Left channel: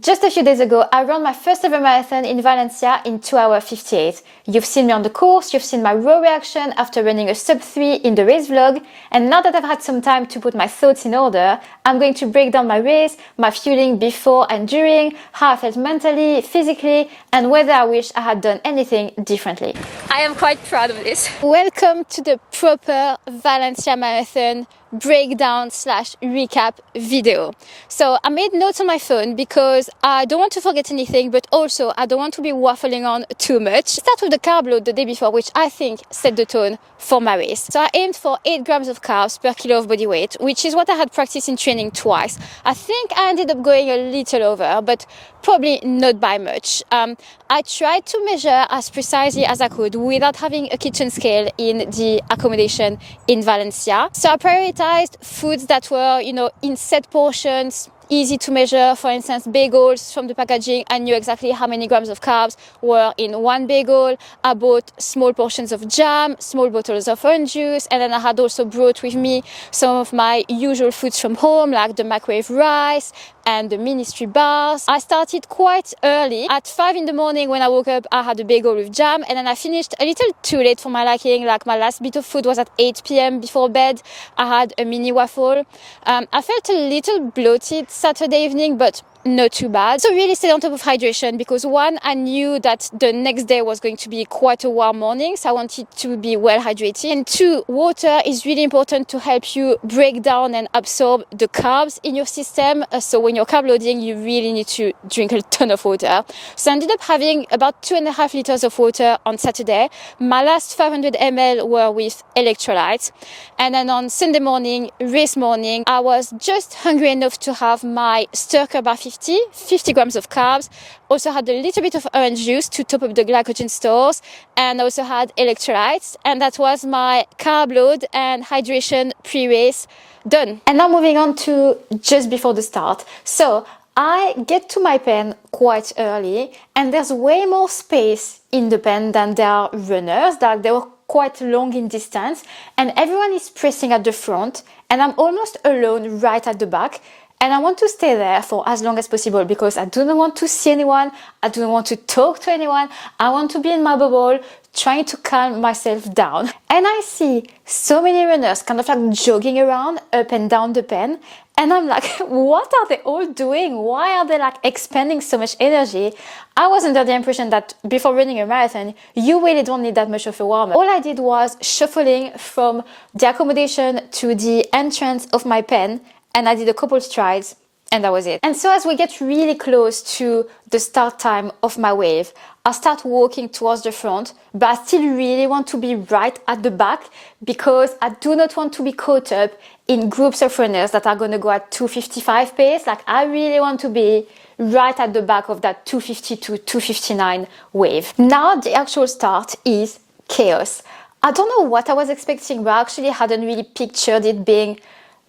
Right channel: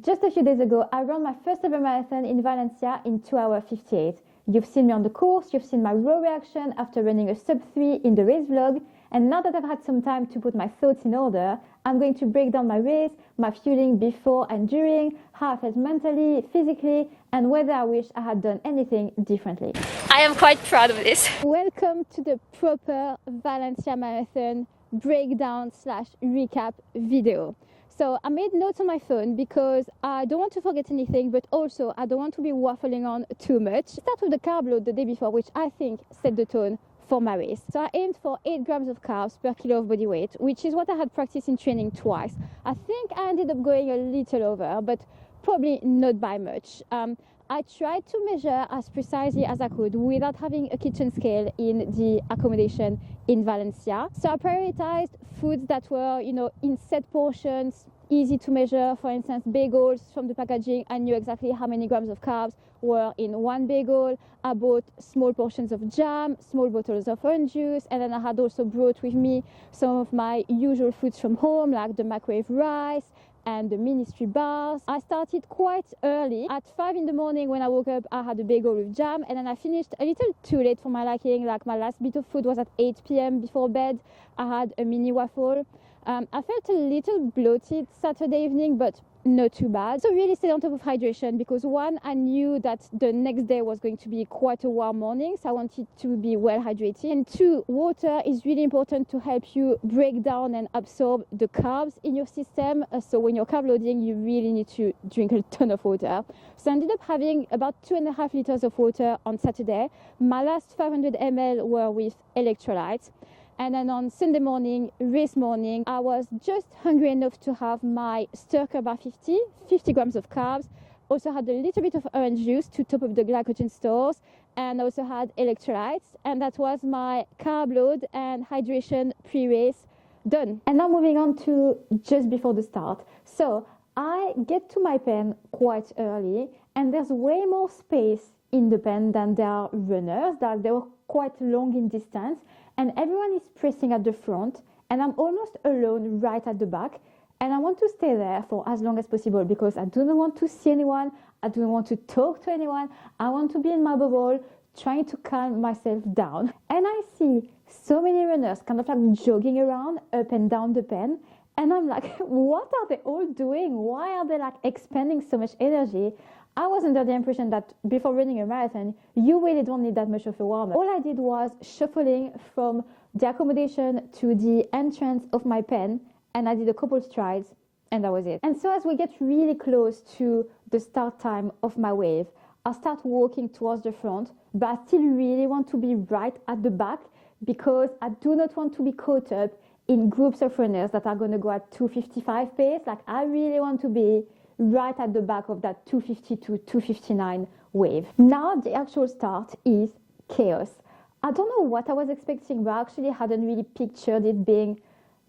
Just a few days ago, I ran my first ever marathon in Valencia in 2 hours 58. You've seen me on the course, you've seen my raw reaction after running a sub 3 in the race vlog, and now that I've had some time to put my thoughts in order, I'm going to break down my race, my fueling before and during, how I felt mentally, physically, and whether I wish I had done anything differently. I am quite proud of this. Welcome to the proper Valencia marathon breakdown / recap video. So I made notes on my phone because I don't want to forget anything, but also I don't want to be waffling on too much. Start with the carb load the day before, which I think set the tone for my race. So I aimed for 8 grams of carbs per kilo of body weight, which is what I had practiced in training twice. I think I ended up going a little over, but probably not by much. I tried to measure as precisely as I could without having a kitchen scale in the accommodation in Valencia. So I prioritized foods that were, in set portions, easy to measure. For instance, bagels from the packaging. I knew exactly how many grams of carbs were in one bagel. I bought small portions of jam, small bottles of orange juice, and then I had also brought with me some of my usual foods from home, like the microwave rice and the ministry bars. I started quite early. At 5 in the morning when I woke up, I had a bagel with jam, and then I finished a little too late for my liking. Like my last bit of food was at 8 p.m. before bed. I had a mini waffle. I felt a little bloated Saturday evening, but not too bad. So really stayed on top of hydration because one, I knew that the next day was going to be quite a warm morning, so I wanted to be well hydrated. And two, water is really important to help you break down and absorb the carbs in your system. So when you're carb loading, you really need to drink a ton of water. So I ended up having about 2.5 liters of water on Saturday. My last 500 ml were with electrolytes. And then on Sunday morning, race morning, I was just hungry enough to have my stir bar 50 grams of carbs. Also had a little bit of orange juice to top up the glycogen stores, and also had electrolytes. And that was my carb load and hydration pre-race done. And now moving on to just before the start. So I get to my pen quite early, and there's way more space in the pen than there are runners. Like they were quite long in distance, and everyone is pressing at the front, and I'm almost alone right at the back. And I want to stay there for as long as possible because I do not want to see anyone. I don't want to talk to anyone. I want to be in my bubble, trying to calm myself down. And I see so many runners kind of like jogging around up and down the pen. And I'm like, what are they all doing? Why are they like expending so much energy? I was under the impression that before running a marathon, you really don't need that much of a warm-up. All I did was shuffling from the accommodation to the entrance of my pen, and I did a couple strides, and that was it. And so as we get really close to the start time of my wave, I start walking towards the front, but I still really want to be right at the back because I do not want to be caught up in groups of runners that are going to go at 2:55 pace. Like I really want to be right at the back of that 2:50 to 2:59 wave. Now the actual start is chaos. I don't know what I was expecting, but I actually hadn't really pictured it being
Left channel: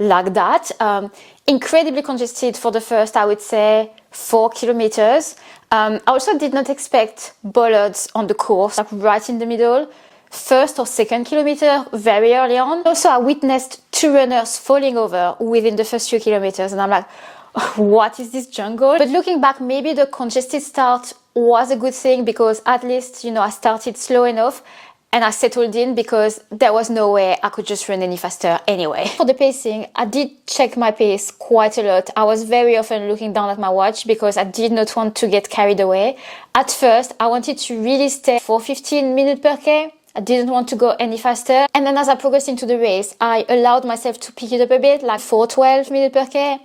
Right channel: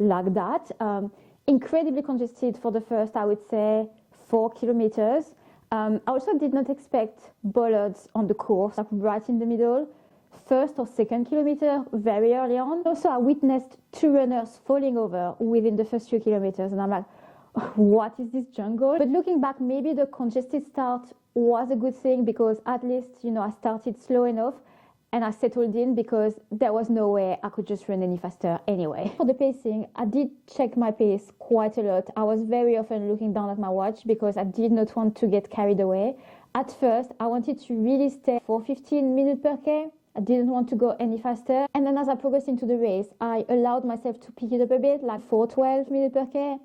like that. Incredibly congested for the first, I would say, 4 kilometers. I also did not expect bollards on the course, like right in the middle. First or second kilometer, very early on. Also, I witnessed 2 runners falling over within the first few kilometers, and I'm like, what is this jungle? But looking back, maybe the congested start was a good thing because at least, I started slow enough. And I settled in because there was no way I could just run any faster anyway. For the pacing, I did check my pace quite a lot. I was very often looking down at my watch because I did not want to get carried away. At first, I wanted to really stay for 15 minutes per K. I didn't want to go any faster. And then as I progressed into the race, I allowed myself to pick it up a bit, like 4:12 minutes per K.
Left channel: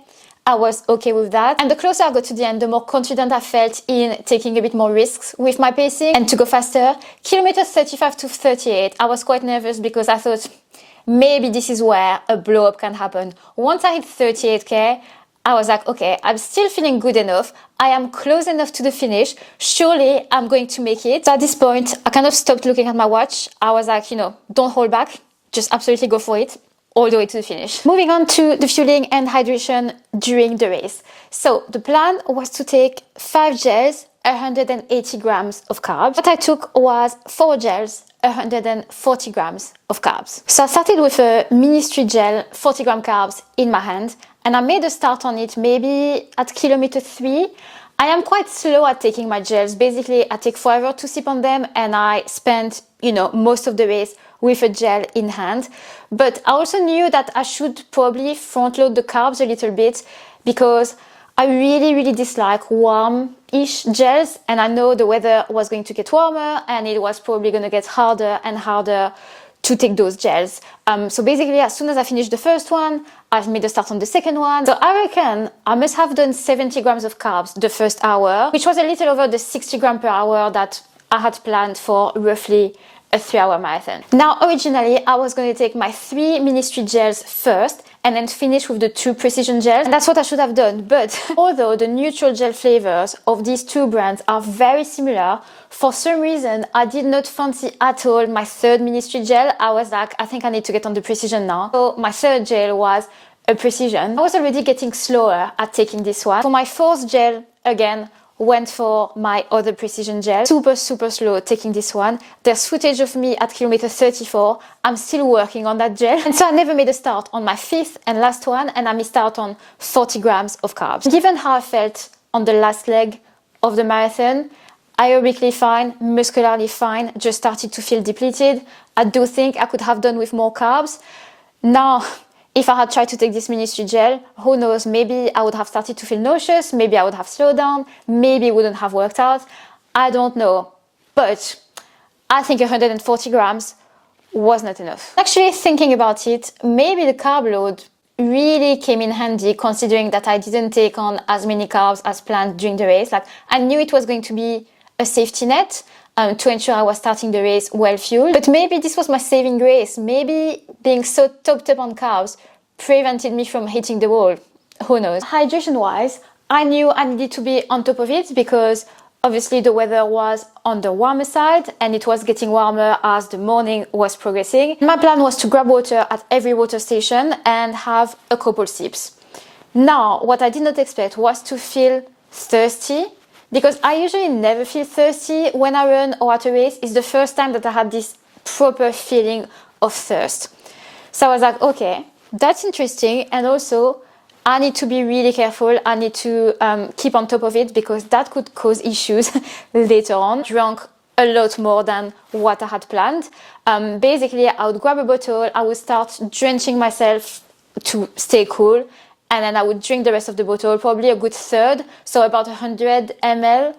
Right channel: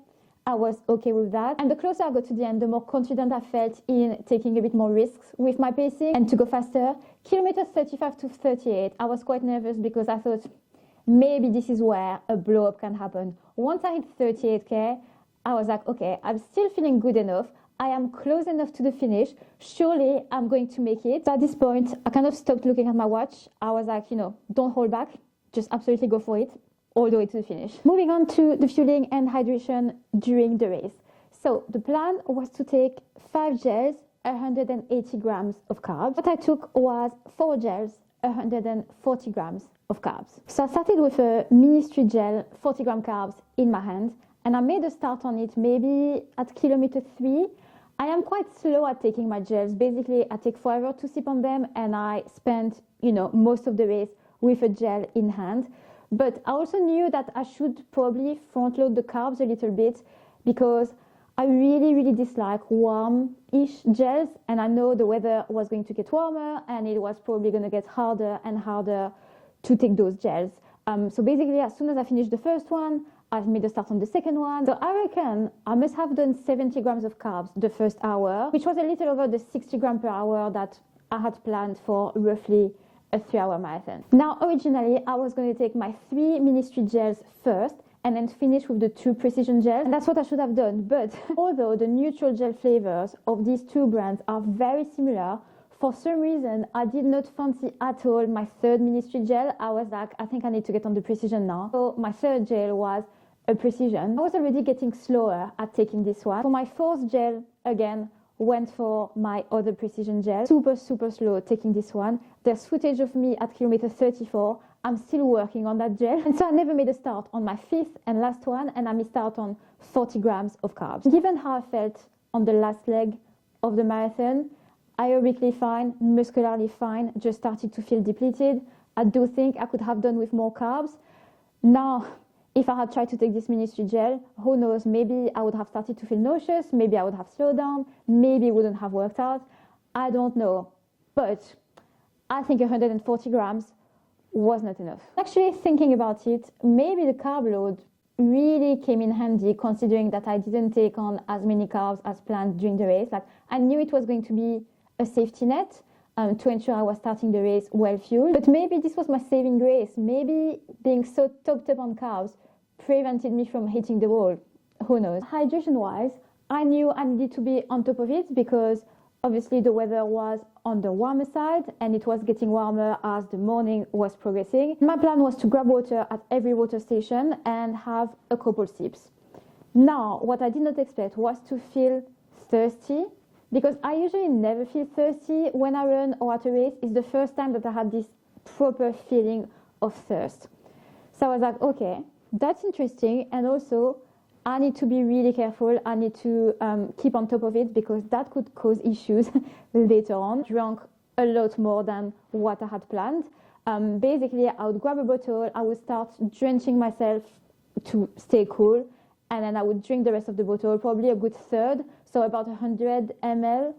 I was okay with that. And the closer I got to the end, the more confident I felt in taking a bit more risks with my pacing and to go faster. Kilometers 35 to 38, I was quite nervous because I thought maybe this is where a blow up can happen. Once I hit 38K, I was like, okay, I'm still feeling good enough. I am close enough to the finish. Surely I'm going to make it. So at this point, I kind of stopped looking at my watch. I was like, don't hold back. Just absolutely go for it. All the way to the finish. Moving on to the fueling and hydration during the race. So the plan was to take 5 gels, 180 grams of carbs. What I took was 4 gels, 140 grams of carbs. So I started with a ministry gel, 40 gram carbs in my hand, and I made a start on it maybe at kilometer 3. I am quite slow at taking my gels. Basically, I take forever to sip on them and I spend, most of the race with a gel in hand. But I also knew that I should probably front load the carbs a little bit because I really, really dislike warm-ish gels, and I know the weather was going to get warmer and it was probably going to get harder and harder to take those gels. So basically, as soon as I finished the first one, I've made a start on the second one. So I reckon I must have done 70 grams of carbs the first hour, which was a little over the 60 grams per hour that I had planned for roughly a 3-hour marathon. Now, originally, I was going to take my 3 ministry gels first and then finish with the 2 precision gels. And that's what I should have done. But although the neutral gel flavors of these 2 brands are very similar, for some reason, I did not fancy at all my 3rd ministry gel. I was like, I think I need to get on the precision now. So my 3rd gel was a precision. I was already getting slower at taking this one. For my 4th gel, again, went for my other precision gel. Super, super slow taking this one. There's footage of me at kilometer 34. I'm still working on that gel. And so I never made a start on my 5th and last one, and I missed out on 40 grams of carbs. Given how I felt on the last leg of the marathon, aerobically fine, muscularly fine, just started to feel depleted. I do think I could have done with more carbs. Now, if I had tried to take this ministry gel, who knows, maybe I would have started to feel nauseous, maybe I would have slowed down, maybe it wouldn't have worked out. I don't know. But I think 140 grams was not enough. Actually, thinking about it, maybe the carb load really came in handy considering that I didn't take on as many carbs as planned during the race. Like, I knew it was going to be a safety net to ensure I was starting the race well fueled. But maybe this was my saving grace. Maybe being so topped up on carbs prevented me from hitting the wall. Who knows? Hydration wise, I knew I needed to be on top of it because obviously the weather was on the warmer side and it was getting warmer as the morning was progressing. My plan was to grab water at every water station and have a couple sips. Now, what I did not expect was to feel thirsty, because I usually never feel thirsty when I run or at a race. It's the first time that I had this proper feeling of thirst. So I was like, okay, that's interesting. And also, I need to be really careful. I need to keep on top of it because that could cause issues later on. Drank a lot more than what I had planned. Basically, I would grab a bottle, I would start drenching myself to stay cool, and then I would drink the rest of the bottle, probably a good third, so about 100 ml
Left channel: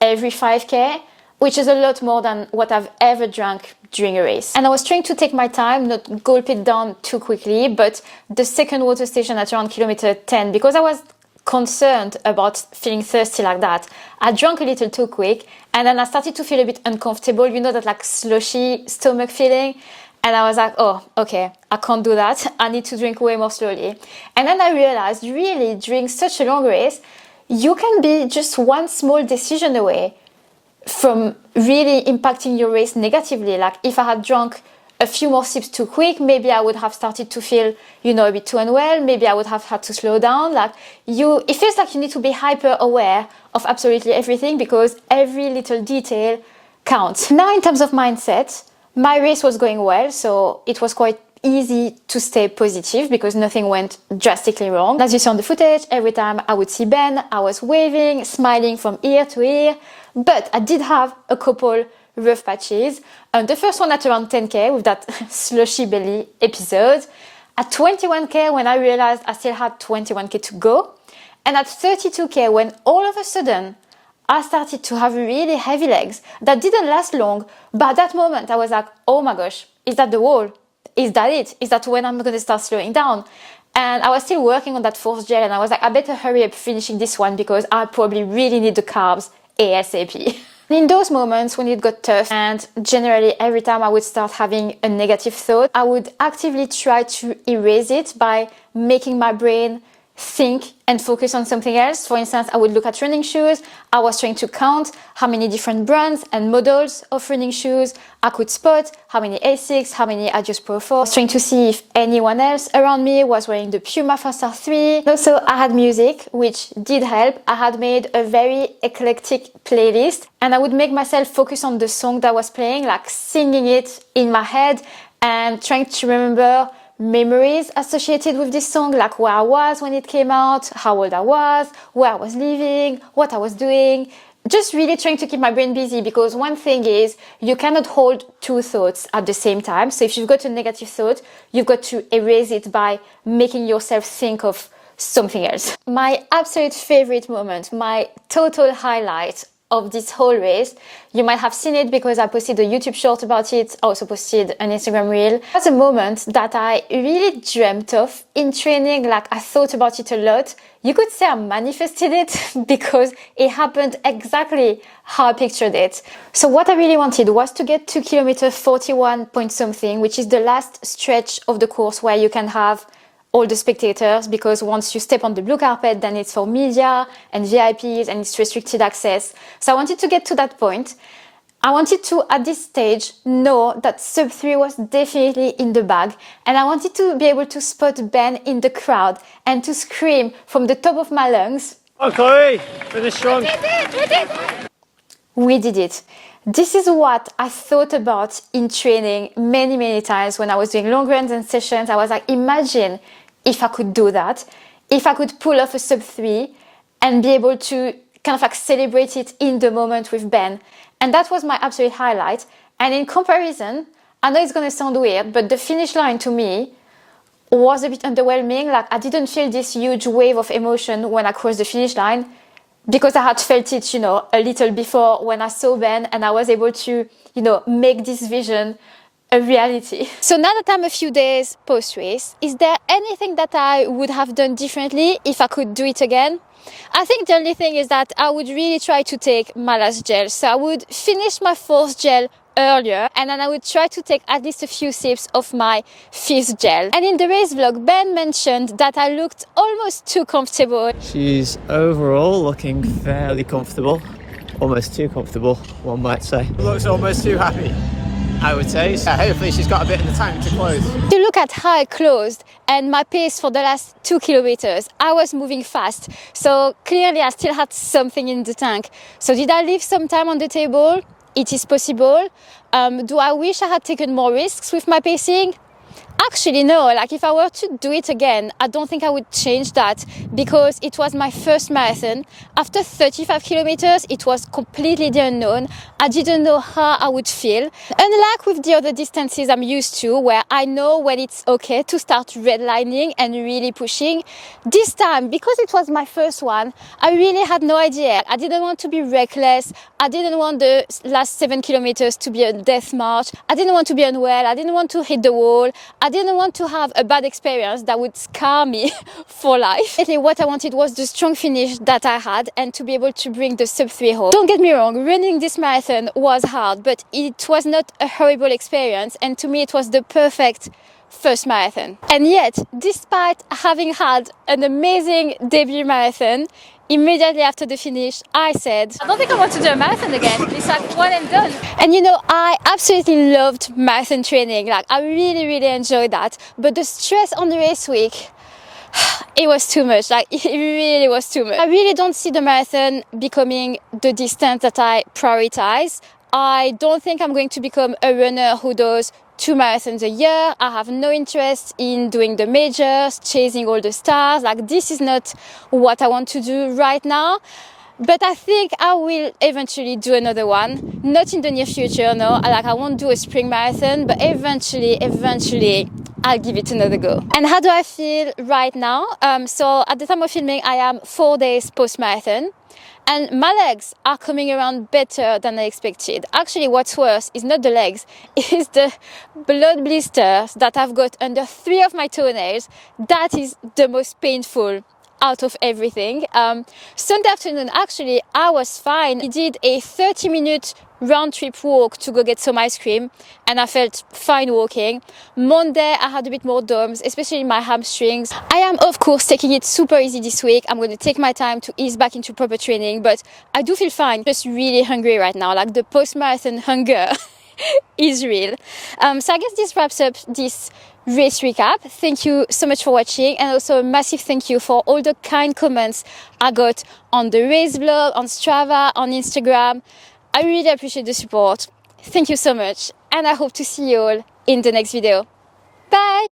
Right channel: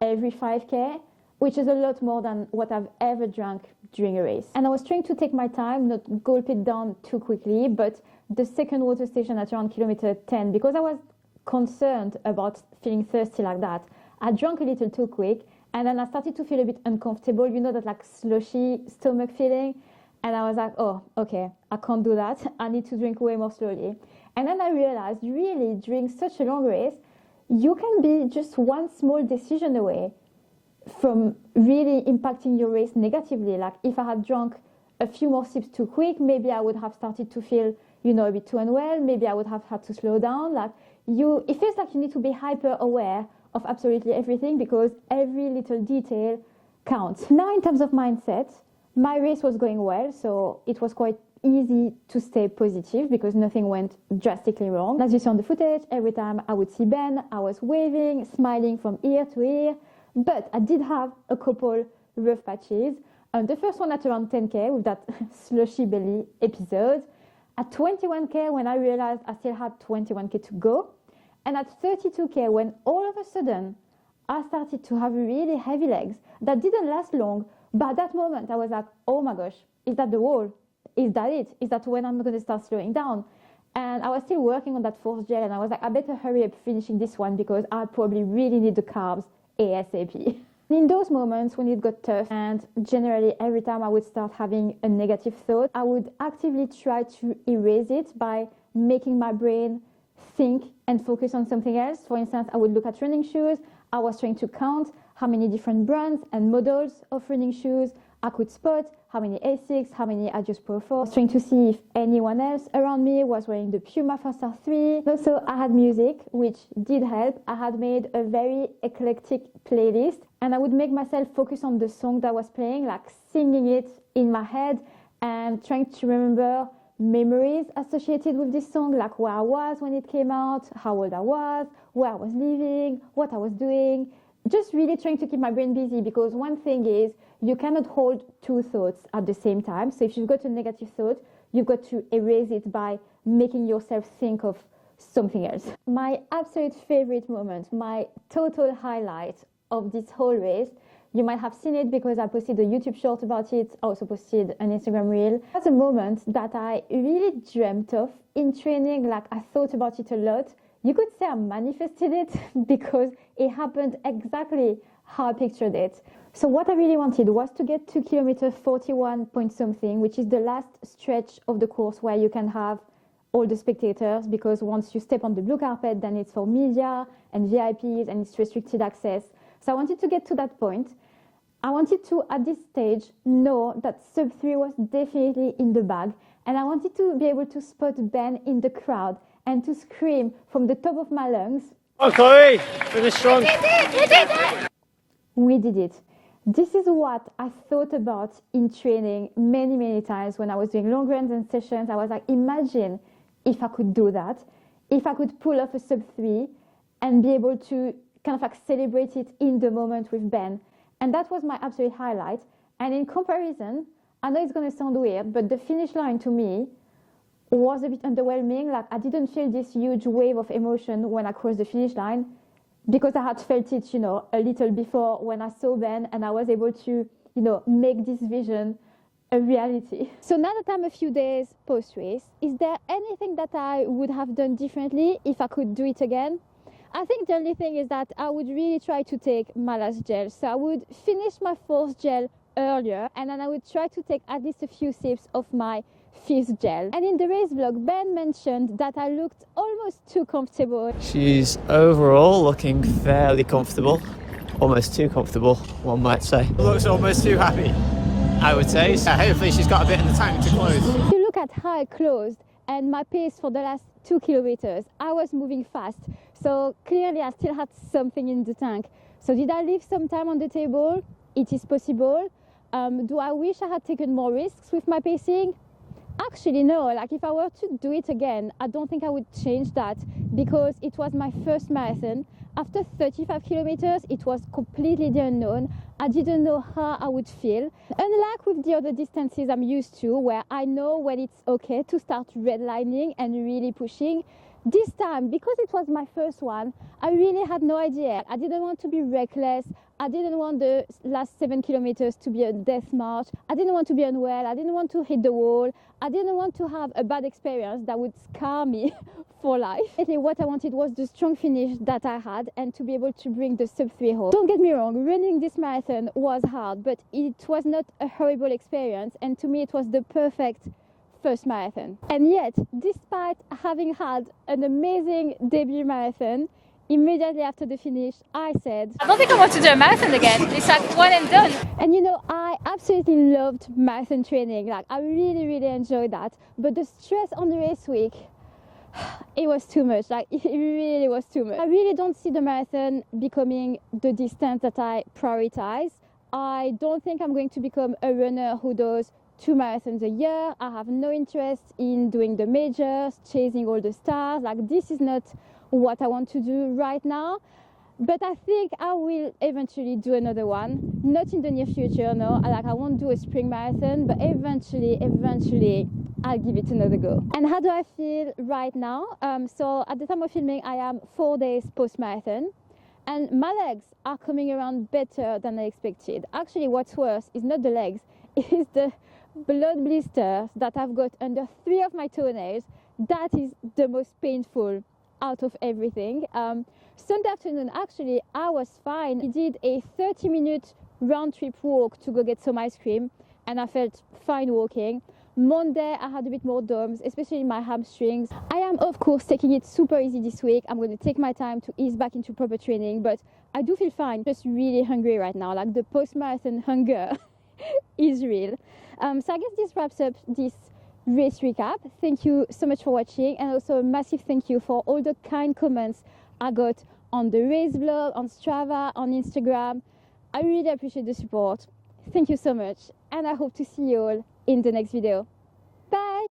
every 5K, which is a lot more than what I've ever drank during a race. And I was trying to take my time, not gulp it down too quickly, but the second water station at around kilometer 10, because I was concerned about feeling thirsty like that, I drank a little too quick, and then I started to feel a bit uncomfortable, that like slushy stomach feeling. And I was like, oh, okay, I can't do that. I need to drink way more slowly. And then I realized, really, during such a long race, you can be just one small decision away from really impacting your race negatively. Like if I had drunk a few more sips too quick, maybe I would have started to feel, a bit too unwell. Maybe I would have had to slow down. It feels like you need to be hyper aware of absolutely everything because every little detail counts. Now, in terms of mindset, my race was going well, so it was quite easy to stay positive because nothing went drastically wrong. As you see on the footage, every time I would see Ben, I was waving, smiling from ear to ear. But I did have a couple rough patches. The first one at around 10K with that slushy belly episode. At 21K when I realized I still had 21K to go. And at 32K when all of a sudden I started to have really heavy legs that didn't last long. But at that moment, I was like, oh my gosh, is that the wall? Is that it? Is that when I'm going to start slowing down? And I was still working on that 4th gel and I was like, I better hurry up finishing this one because I probably really need the carbs ASAP. In those moments when it got tough and generally every time I would start having a negative thought, I would actively try to erase it by making my brain think and focus on something else. For instance, I would look at running shoes. I was trying to count how many different brands and models of running shoes I could spot, how many Asics, how many Adios Pro 4. I was trying to see if anyone else around me was wearing the Puma Faster 3. Also, I had music, which did help. I had made a very eclectic playlist and I would make myself focus on the song that was playing, like singing it in my head and trying to remember memories associated with this song, like where I was when it came out, how old I was, where I was living, what I was doing. Just really trying to keep my brain busy, because one thing is you cannot hold two thoughts at the same time. So if you've got a negative thought, you've got to erase it by making yourself think of something else. My absolute favorite moment, my total highlight of this whole race, you might have seen it because I posted a YouTube short about it. I also posted an Instagram reel. It was a moment that I really dreamt of in training. Like, I thought about it a lot. You could say I manifested it because it happened exactly how I pictured it. So what I really wanted was to get to kilometer 41 point something, which is the last stretch of the course where you can have all the spectators, because once you step on the blue carpet, then it's for media and VIPs and it's restricted access. So I wanted to get to that point. I wanted to, at this stage, know that sub 3 was definitely in the bag, and I wanted to be able to spot Ben in the crowd and to scream from the top of my lungs, "Oh, Chloe, finish strong." We did it! We did it. This is what I thought about in training many times when I was doing long runs and sessions. I was like, imagine if I could do that, if I could pull off a sub 3 and be able to kind of like celebrate it in the moment with Ben. And that was my absolute highlight. And in comparison, I know it's going to sound weird, but the finish line to me was a bit underwhelming. Like, I didn't feel this huge wave of emotion when I crossed the finish line, because I had felt it, a little before when I saw Ben, and I was able to, make this vision a reality. So now that I'm a few days post-race, is there anything that I would have done differently if I could do it again? I think the only thing is that I would really try to take my last gel. So I would finish my fourth gel earlier, and then I would try to take at least a few sips of my fifth gel. And in the race vlog, Ben mentioned that I looked almost too comfortable. She's overall looking fairly comfortable, almost too comfortable, one might say. Looks almost too happy, I would say. So hopefully she's got a bit in the tank to close. To look at how I closed and my pace for the last 2 kilometers, I was moving fast. So clearly I still had something in the tank. So did I leave some time on the table? It is possible. Do I wish I had taken more risks with my pacing? Actually, no. Like, if I were to do it again, I don't think I would change that, because it was my first marathon. After 35 kilometers, it was completely the unknown. I didn't know how I would feel. Unlike with the other distances I'm used to, where I know when it's okay to start redlining and really pushing, this time, because it was my first one, I really had no idea. I didn't want to be reckless. I didn't want the last 7 kilometers to be a death march. I didn't want to be unwell. I didn't want to hit the wall. I didn't want to have a bad experience that would scar me for life. What I wanted was the strong finish that I had, and to be able to bring the sub 3 home. Don't get me wrong, running this marathon was hard, but it was not a horrible experience, and to me it was the perfect first marathon. And yet, despite having had an amazing debut marathon, immediately after the finish, I said, I don't think I want to do a marathon again. It's like one and done. And I absolutely loved marathon training. Like, I really enjoyed that. But the stress on the race week, it was too much. Like, it really was too much. I really don't see the marathon becoming the distance that I prioritize. I don't think I'm going to become a runner who does 2 marathons a year. I have no interest in doing the majors, chasing all the stars. Like, this is not what I want to do right now. But I think I will eventually do another one. Not in the near future, no. Like, I won't do a spring marathon, but eventually, I'll give it another go. And how do I feel right now? So at the time of filming, I am 4 days post-marathon. And my legs are coming around better than I expected. Actually, what's worse is not the legs, it's the blood blisters that I've got under 3 of my toenails. That is the most painful out of everything. Sunday afternoon, actually, I was fine. I did a 30-minute round trip walk to go get some ice cream, and I felt fine walking. Monday, I had a bit more DOMS, especially my hamstrings. I am, of course, taking it super easy this week. I'm going to take my time to ease back into proper training, but I do feel fine. Just really hungry right now. Like, the post-marathon hunger is real. So I guess this wraps up this race recap. Thank you so much for watching, and also a massive thank you for all the kind comments I got on the race vlog, on Strava, on Instagram. I really appreciate the support. Thank you so much, and I hope to see you all in the next video. Bye!